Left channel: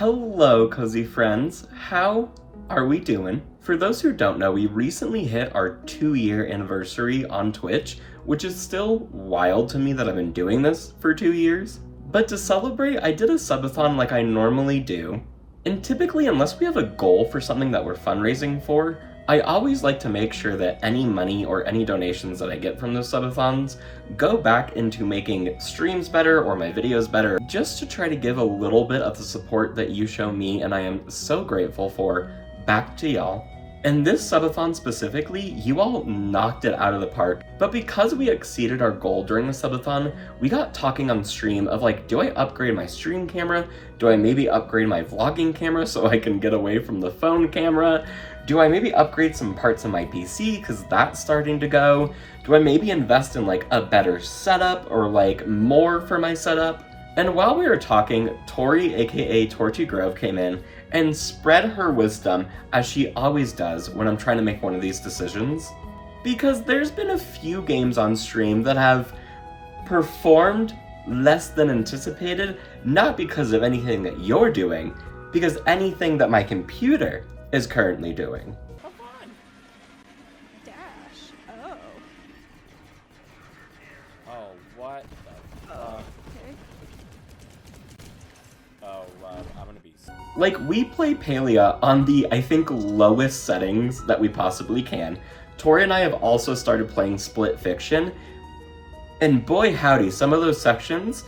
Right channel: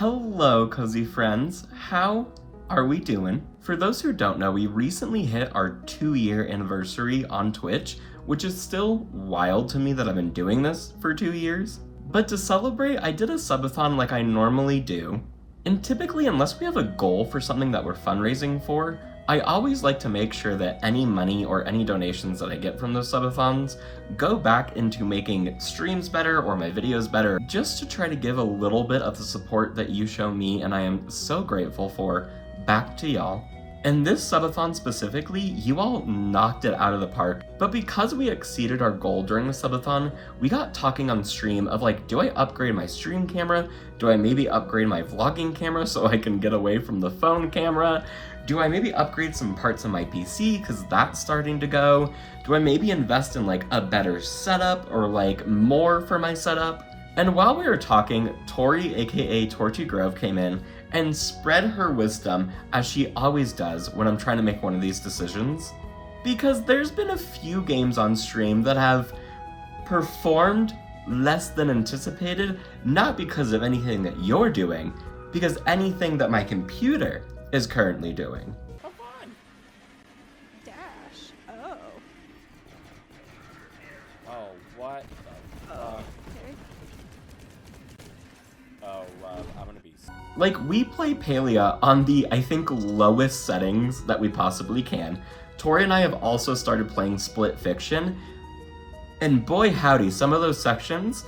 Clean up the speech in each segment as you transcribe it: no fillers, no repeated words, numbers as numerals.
Hello, cozy friends. How are we doing? For those who don't know, we recently hit our 2-year anniversary on Twitch, which is still wild to me that I've been doing this for 2 years. But to celebrate, I did a subathon like I normally do. And typically, unless we have a goal for something that we're fundraising for, I always like to make sure that any money or any donations that I get from those subathons go back into making streams better or my videos better, just to try to give a little bit of the support that you show me and I am so grateful for back to y'all. And this subathon specifically, you all knocked it out of the park, but because we exceeded our goal during the subathon, we got talking on stream of like, do I upgrade my stream camera? Do I maybe upgrade my vlogging camera so I can get away from the phone camera? Do I maybe upgrade some parts of my PC because that's starting to go? Do I maybe invest in like a better setup or like more for my setup? And while we were talking, Tori, aka Torchi Grove, came in and spread her wisdom, as she always does when I'm trying to make one of these decisions. Because there's been a few games on stream that have performed less than anticipated, not because of anything that you're doing, because anything that my computer is currently doing. Come on! Dash. Oh. Oh, what the fuck? Okay. Oh, love, I'm gonna be... Like, we play Palea on the, I think, lowest settings that we possibly can. Tori and I have also started playing Split Fiction, and boy howdy, some of those sections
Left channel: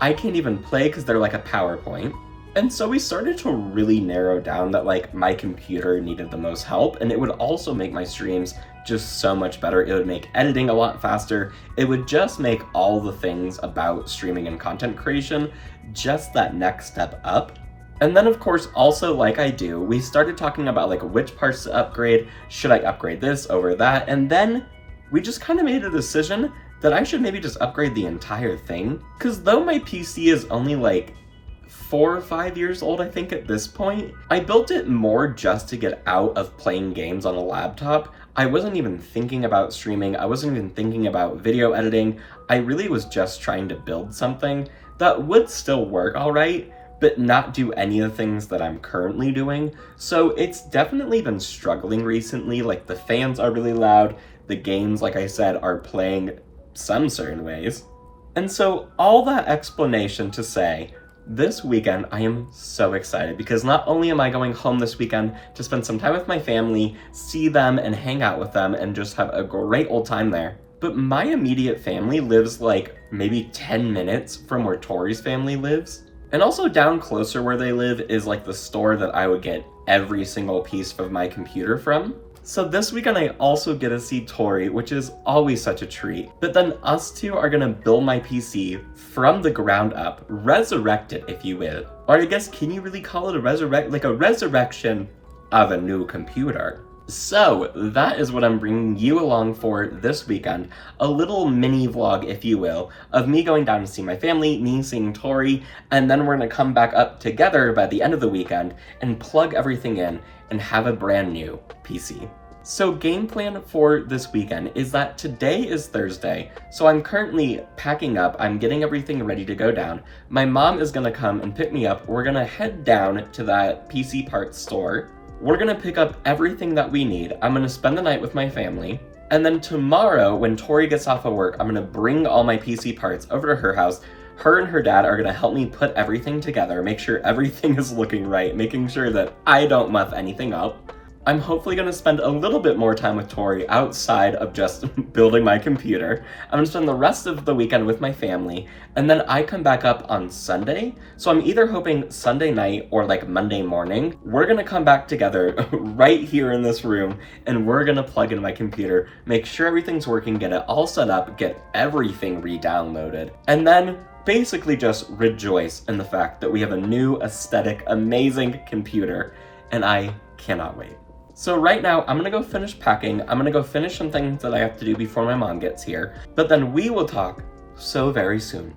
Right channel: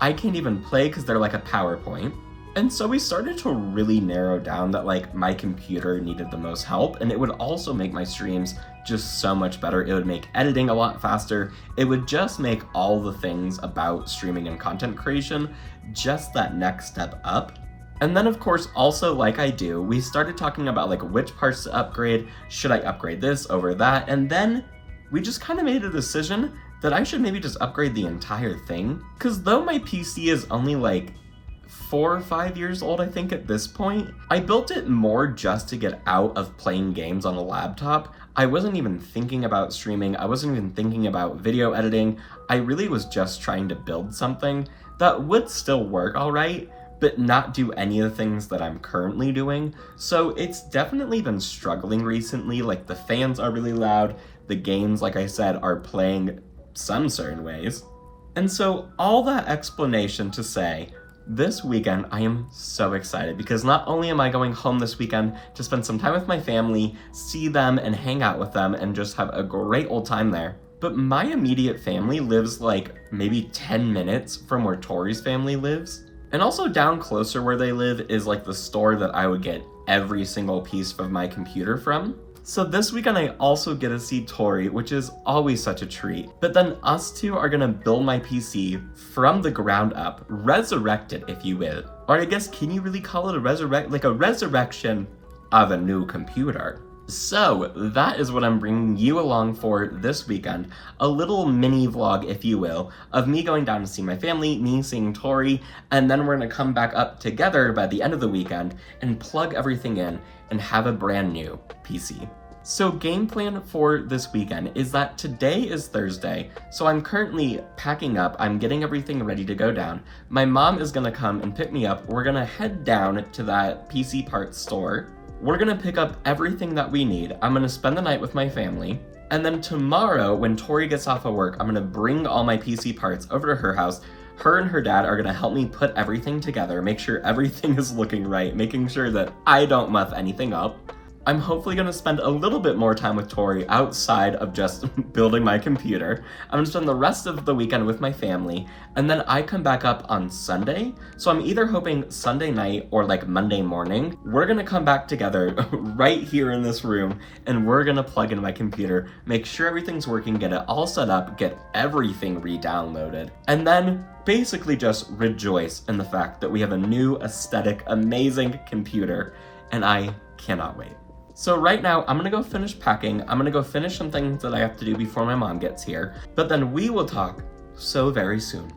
I can't even play because they're like a PowerPoint. And so we started to really narrow down that like my computer needed the most help, and it would also make my streams just so much better. It would make editing a lot faster. It would just make all the things about streaming and content creation just that next step up. And then of course, also like I do, we started talking about like which parts to upgrade. Should I upgrade this over that? And then we just kind of made a decision that I should maybe just upgrade the entire thing. Because though my PC is only like 4 or 5 years old, I think at this point, I built it more just to get out of playing games on a laptop. I wasn't even thinking about streaming. I wasn't even thinking about video editing. I really was just trying to build something that would still work all right, but not do any of the things that I'm currently doing. So it's definitely been struggling recently. Like, the fans are really loud. The games, like I said, are playing some certain ways. And so all that explanation to say, this weekend I am so excited because not only am I going home this weekend to spend some time with my family, see them and hang out with them and just have a great old time there, but my immediate family lives like maybe 10 minutes from where Tori's family lives. And also down closer where they live is like the store that I would get every single piece of my computer from. So this weekend I also get to see Tori, which is always such a treat. But then us two are gonna build my PC from the ground up, resurrect it if you will. Or I guess, can you really call it a resurrection of a new computer? So that is what I'm bringing you along for this weekend. A little mini vlog, if you will, of me going down to see my family, me seeing Tori, and then we're gonna come back up together by the end of the weekend and plug everything in and have a brand new PC. So game plan for this weekend is that today is Thursday, so I'm currently packing up, I'm getting everything ready to go down. My mom is gonna come and pick me up. We're gonna head down to that PC parts store. We're gonna pick up everything that we need. I'm gonna spend the night with my family. And then tomorrow, when Tori gets off of work, I'm gonna bring all my PC parts over to her house. Her and her dad are gonna help me put everything together, make sure everything is looking right, making sure that I don't muff anything up. I'm hopefully gonna spend a little bit more time with Tori outside of just building my computer. I'm gonna spend the rest of the weekend with my family, and then I come back up on Sunday. So I'm either hoping Sunday night or like Monday morning, we're gonna come back together right here in this room, and we're gonna plug in my computer, make sure everything's working, get it all set up, get everything re-downloaded, and then basically just rejoice in the fact that we have a new aesthetic, amazing computer, and I cannot wait. So right now, I'm gonna go finish packing. I'm gonna go finish some things that I have to do before my mom gets here, but then we will talk so very soon.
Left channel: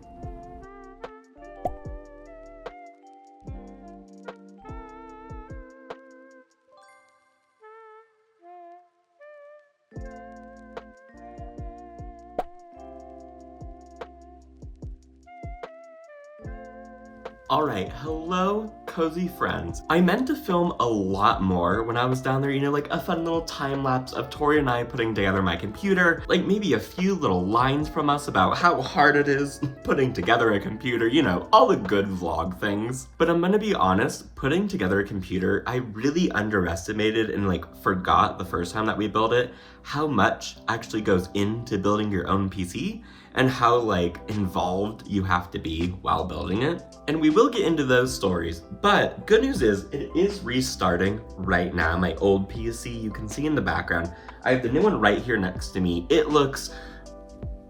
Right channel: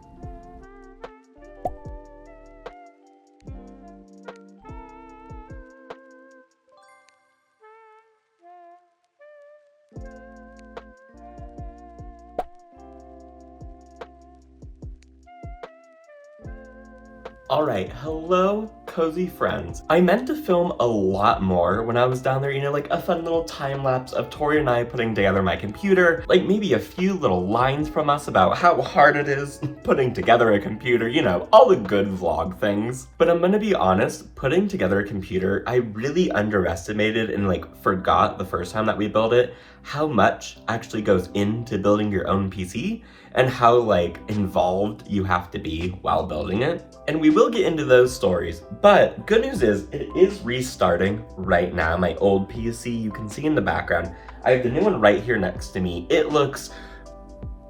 Alright, hello cozy friends. I meant to film a lot more when I was down there, you know, like a fun little time lapse of Tori and I putting together my computer, like maybe a few little lines from us about how hard it is putting together a computer, you know, all the good vlog things. But I'm gonna be honest, putting together a computer, I really underestimated and like forgot the first time that we built it how much actually goes into building your own PC and how like involved you have to be while building it. And we will get into those stories, but good news is it is restarting right now. My old PC, you can see in the background, I have the new one right here next to me. It looks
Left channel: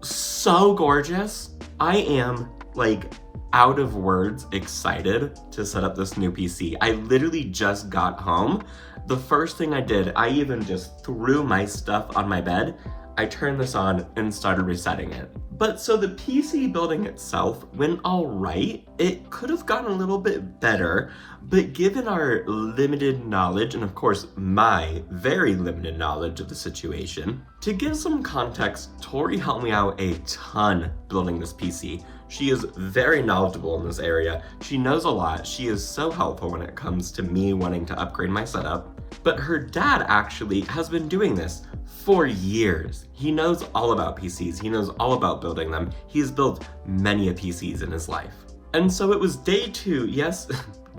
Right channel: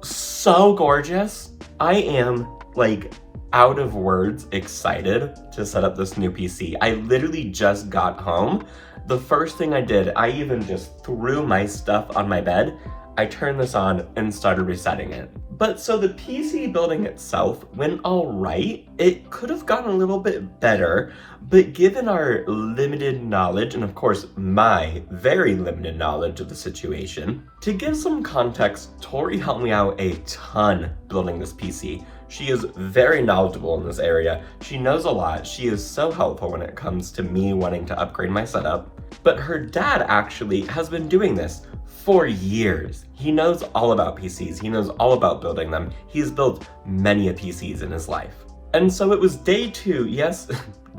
so gorgeous. I am like out of words excited to set up this new PC. I literally just got home. The first thing I did, I even just threw my stuff on my bed. I turned this on and started resetting it. But so the PC building itself went all right. It could have gotten a little bit better, but given our limited knowledge, and of course my very limited knowledge of the situation, to give some context, Tori helped me out a ton building this PC. She is very knowledgeable in this area. She knows a lot. She is so helpful when it comes to me wanting to upgrade my setup. But her dad actually has been doing this for years. He knows all about PCs. He knows all about building them. He's built many a PCs in his life. And so it was day 2, yes,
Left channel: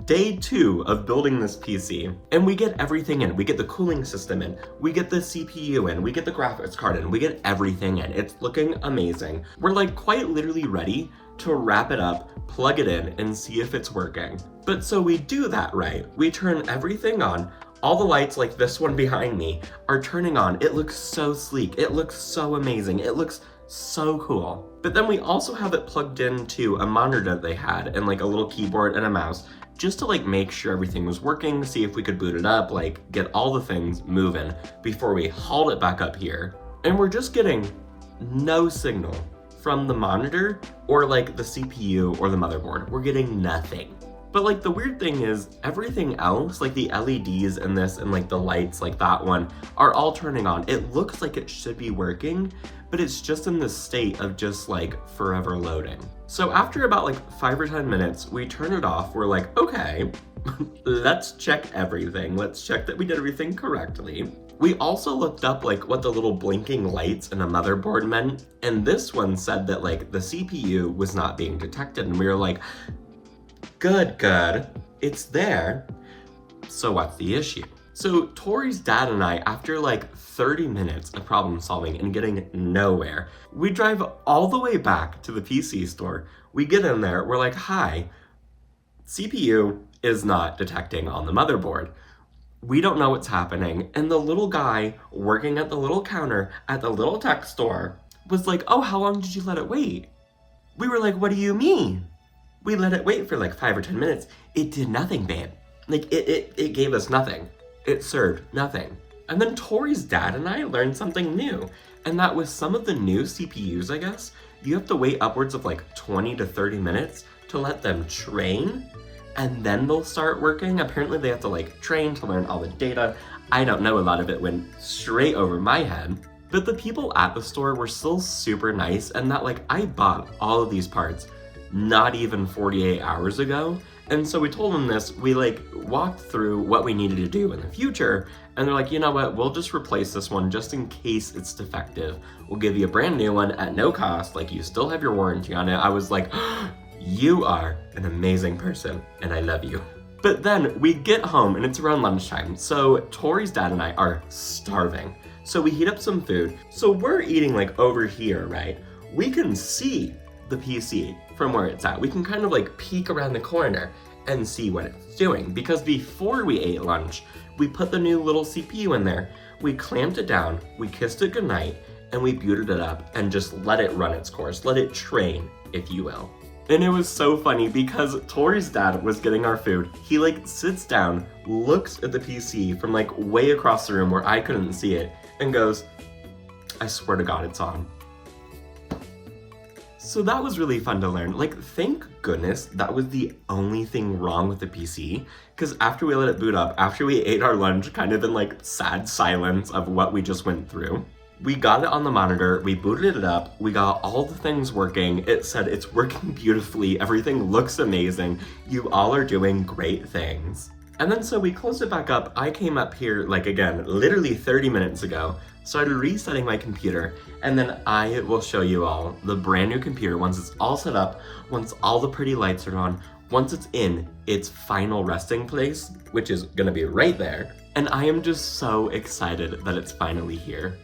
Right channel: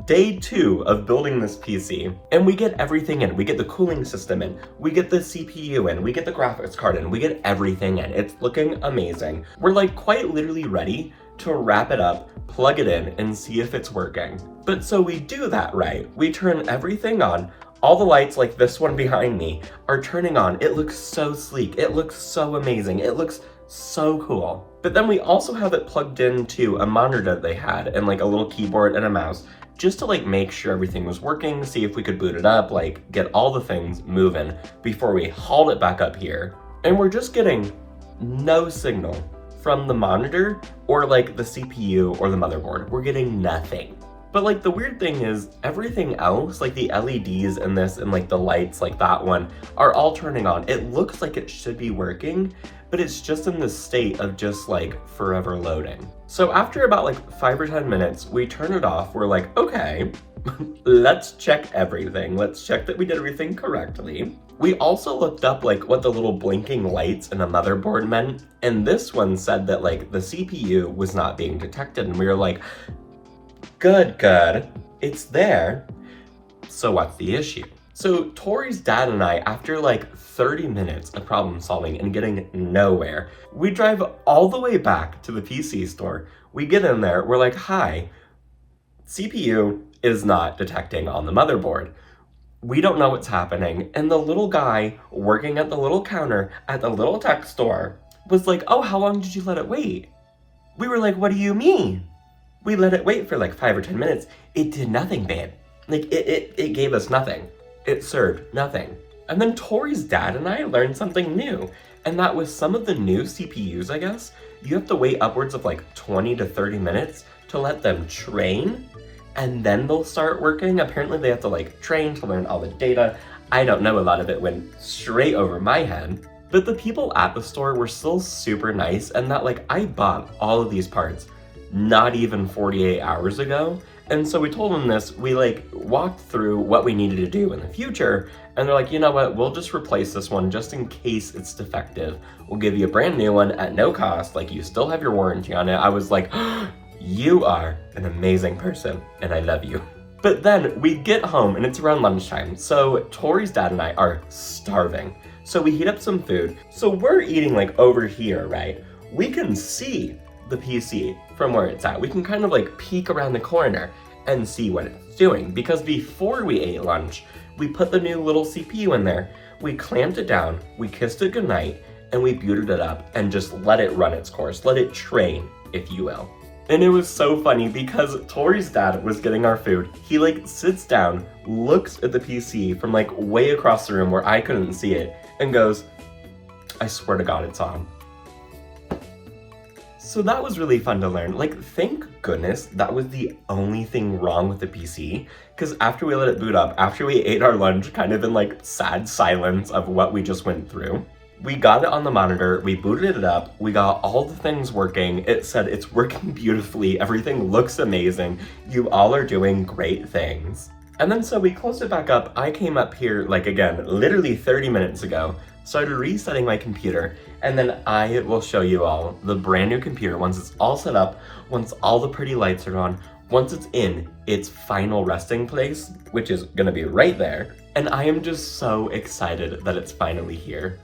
day 2 of building this PC, and we get everything in. We get the cooling system in, we get the CPU in, we get the graphics card in, we get everything in. It's looking amazing. We're like quite literally ready to wrap it up, plug it in, and see if it's working. But so we do that right. We turn everything on. All the lights, like this one behind me, are turning on. It looks so sleek. It looks so amazing. It looks so cool. But then we also have it plugged into a monitor that they had and like a little keyboard and a mouse just to like make sure everything was working, see if we could boot it up, like get all the things moving before we hauled it back up here. And we're just getting no signal from the monitor or like the CPU or the motherboard. We're getting nothing. But like the weird thing is everything else, like the LEDs in this and like the lights like that one are all turning on. It looks like it should be working, but it's just in this state of just like forever loading. So after about like 5 or 10 minutes, we turn it off. We're like, okay, let's check everything. Let's check that we did everything correctly. We also looked up like what the little blinking lights in a motherboard meant. And this one said that like the CPU was not being detected. And we were like, good, it's there. So what's the issue? So Tori's dad and I, after like 30 minutes of problem solving and getting nowhere, we drive all the way back to the PC store. We get in there, we're like, hi, CPU is not detecting on the motherboard. We don't know what's happening. And the little guy working at the little counter at the little tech store was like, oh, how long did you let it wait? We were like, what do you mean? We let it wait for like 5 or 10 minutes. It did nothing, babe. Like it gave us nothing. It served nothing. And then Tori's dad and I learned something new. And that was some of the new CPUs, I guess, you have to wait upwards of like 20 to 30 minutes to let them train. And then they'll start working. Apparently they have to like train to learn all the data. I don't know, a lot of it went straight over my head. But the people at the store were still super nice, and that like I bought all of these parts not even 48 hours ago. And so we told them this, we like walked through what we needed to do in the future, and they're like, you know what, we'll just replace this one just in case it's defective. We'll give you a brand new one at no cost, like you still have your warranty on it. I was like, you are an amazing person and I love you. But then we get home and it's around lunchtime, so Tori's dad and I are starving. So we heat up some food. So we're eating like over here, right? We can see the PC from where it's at. We can kind of like peek around the corner and see what it's doing, because before we ate lunch, we put the new little CPU in there, we clamped it down, we kissed it goodnight, and we booted it up and just let it run its course, let it train, if you will. And it was so funny because Tori's dad was getting our food. He like sits down, looks at the PC from like way across the room where I couldn't see it, and goes, I swear to God, it's on. So that was really fun to learn. Like, thank goodness that was the only thing wrong with the PC, because after we let it boot up, after we ate our lunch kind of in like sad silence of what we just went through, We got it on the monitor, we booted it up, we got all the things working. It said it's working beautifully, everything looks amazing, you all are doing great things. And then so we closed it back up. I came up here, like again, literally 30 minutes ago, started resetting my computer, and then I will show you all the brand new computer once it's all set up, once all the pretty lights are on, once it's in its final resting place, which is gonna be right there. And I am just so excited that it's finally here.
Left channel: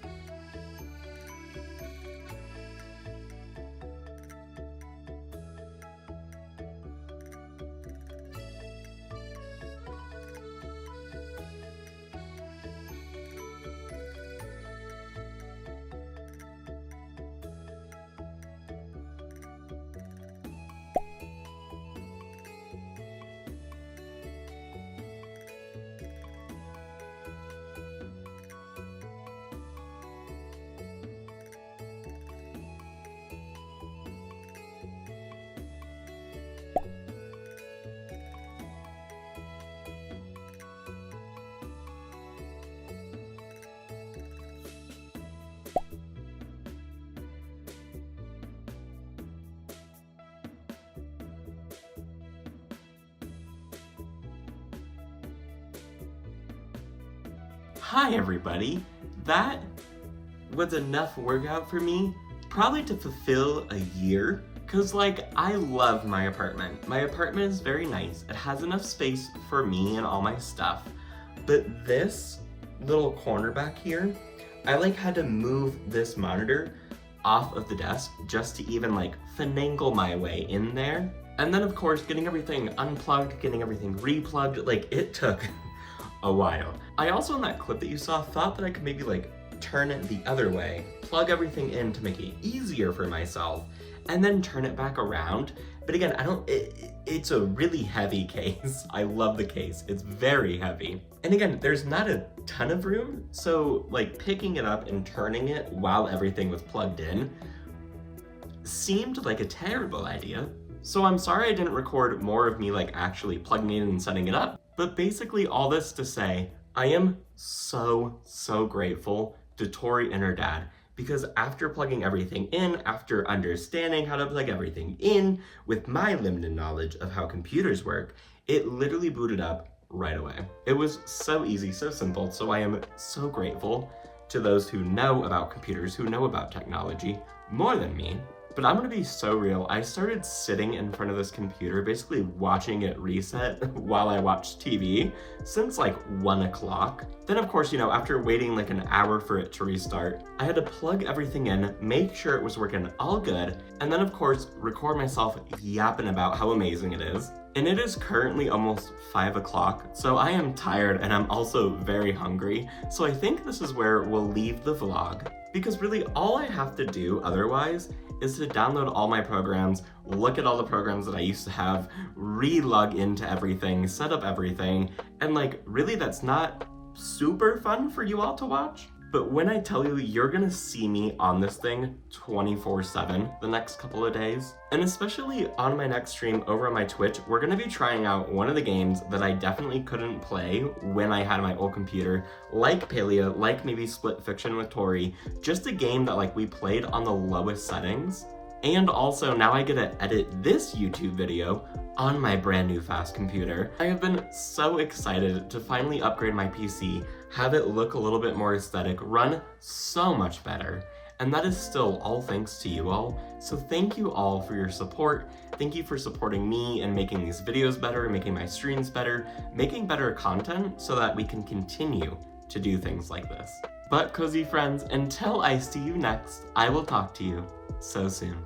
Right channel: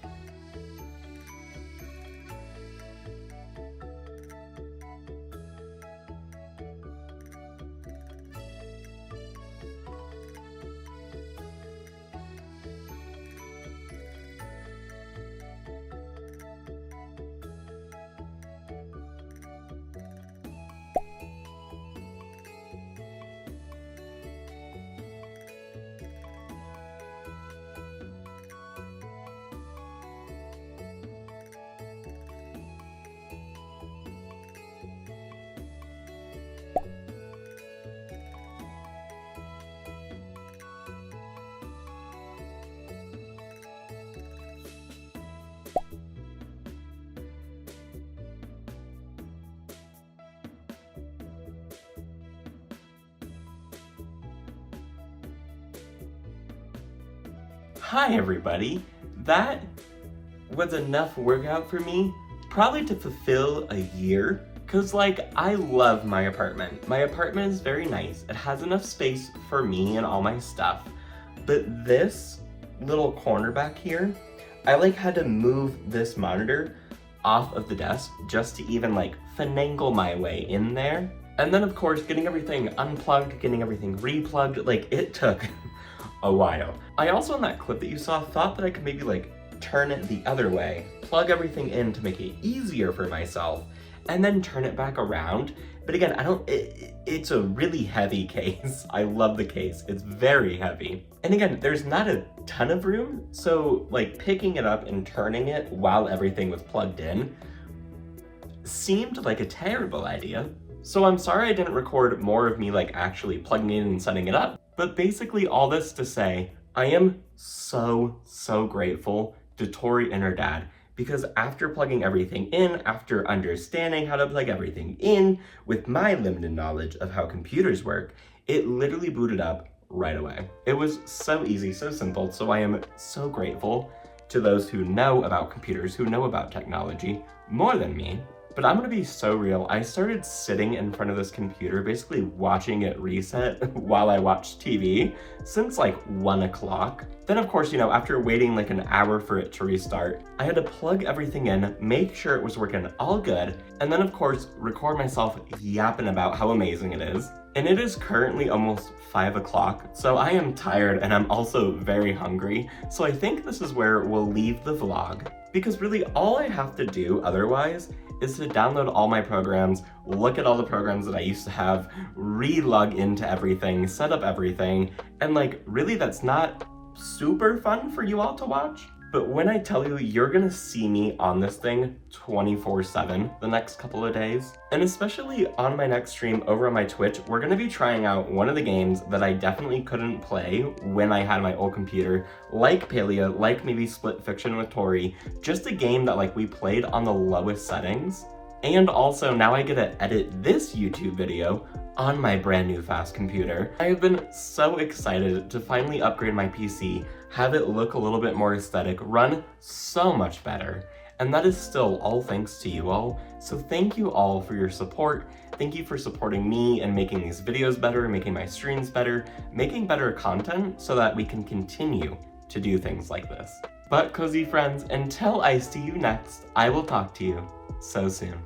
Hi everybody! That was enough workout for me, probably to fulfill a year, cause like, I love my apartment. My apartment is very nice, it has enough space for me and all my stuff, but this little corner back here, I like had to move this monitor off of the desk just to even like finagle my way in there. And then of course, getting everything unplugged, getting everything replugged, like it took a while. I also, in that clip that you saw, thought that I could maybe like turn it the other way, plug everything in to make it easier for myself, and then turn it back around. But again, it's a really heavy case. I love the case, it's very heavy. And again, there's not a ton of room, so like picking it up and turning it while everything was plugged in seemed like a terrible idea. So I'm sorry I didn't record more of me like actually plugging in and setting it up. But basically all this to say, I am so grateful to Tori and her dad, because after plugging everything in, after understanding how to plug everything in with my limited knowledge of how computers work, it literally booted up right away. It was so easy, so simple, so I am so grateful to those who know about computers, who know about technology more than me. But I'm gonna be so real, I started sitting in front of this computer, basically watching it reset while I watched TV since like 1 o'clock. Then of course, you know, after waiting like an hour for it to restart, I had to plug everything in, make sure it was working all good, and then of course, record myself yapping about how amazing it is. And it is currently almost 5 o'clock, so I am tired and I'm also very hungry, so I think this is where we'll leave the vlog. Because really all I have to do otherwise is to download all my programs, look at all the programs that I used to have, re-log into everything, set up everything, and like really that's not super fun for you all to watch. But when I tell you, you're gonna see me on this thing 24/7 the next couple of days. And especially on my next stream over on my Twitch, we're gonna be trying out one of the games that I definitely couldn't play when I had my old computer, like Palia, like maybe Split Fiction with Tori, just a game that like we played on the lowest settings. And also now I get to edit this YouTube video on my brand new fast computer. I have been so excited to finally upgrade my PC, have it look a little bit more aesthetic, run so much better. And that is still all thanks to you all. So thank you all for your support. Thank you for supporting me and making these videos better, making my streams better, making better content so that we can continue to do things like this. But cozy friends, until I see you next, I will talk to you so soon.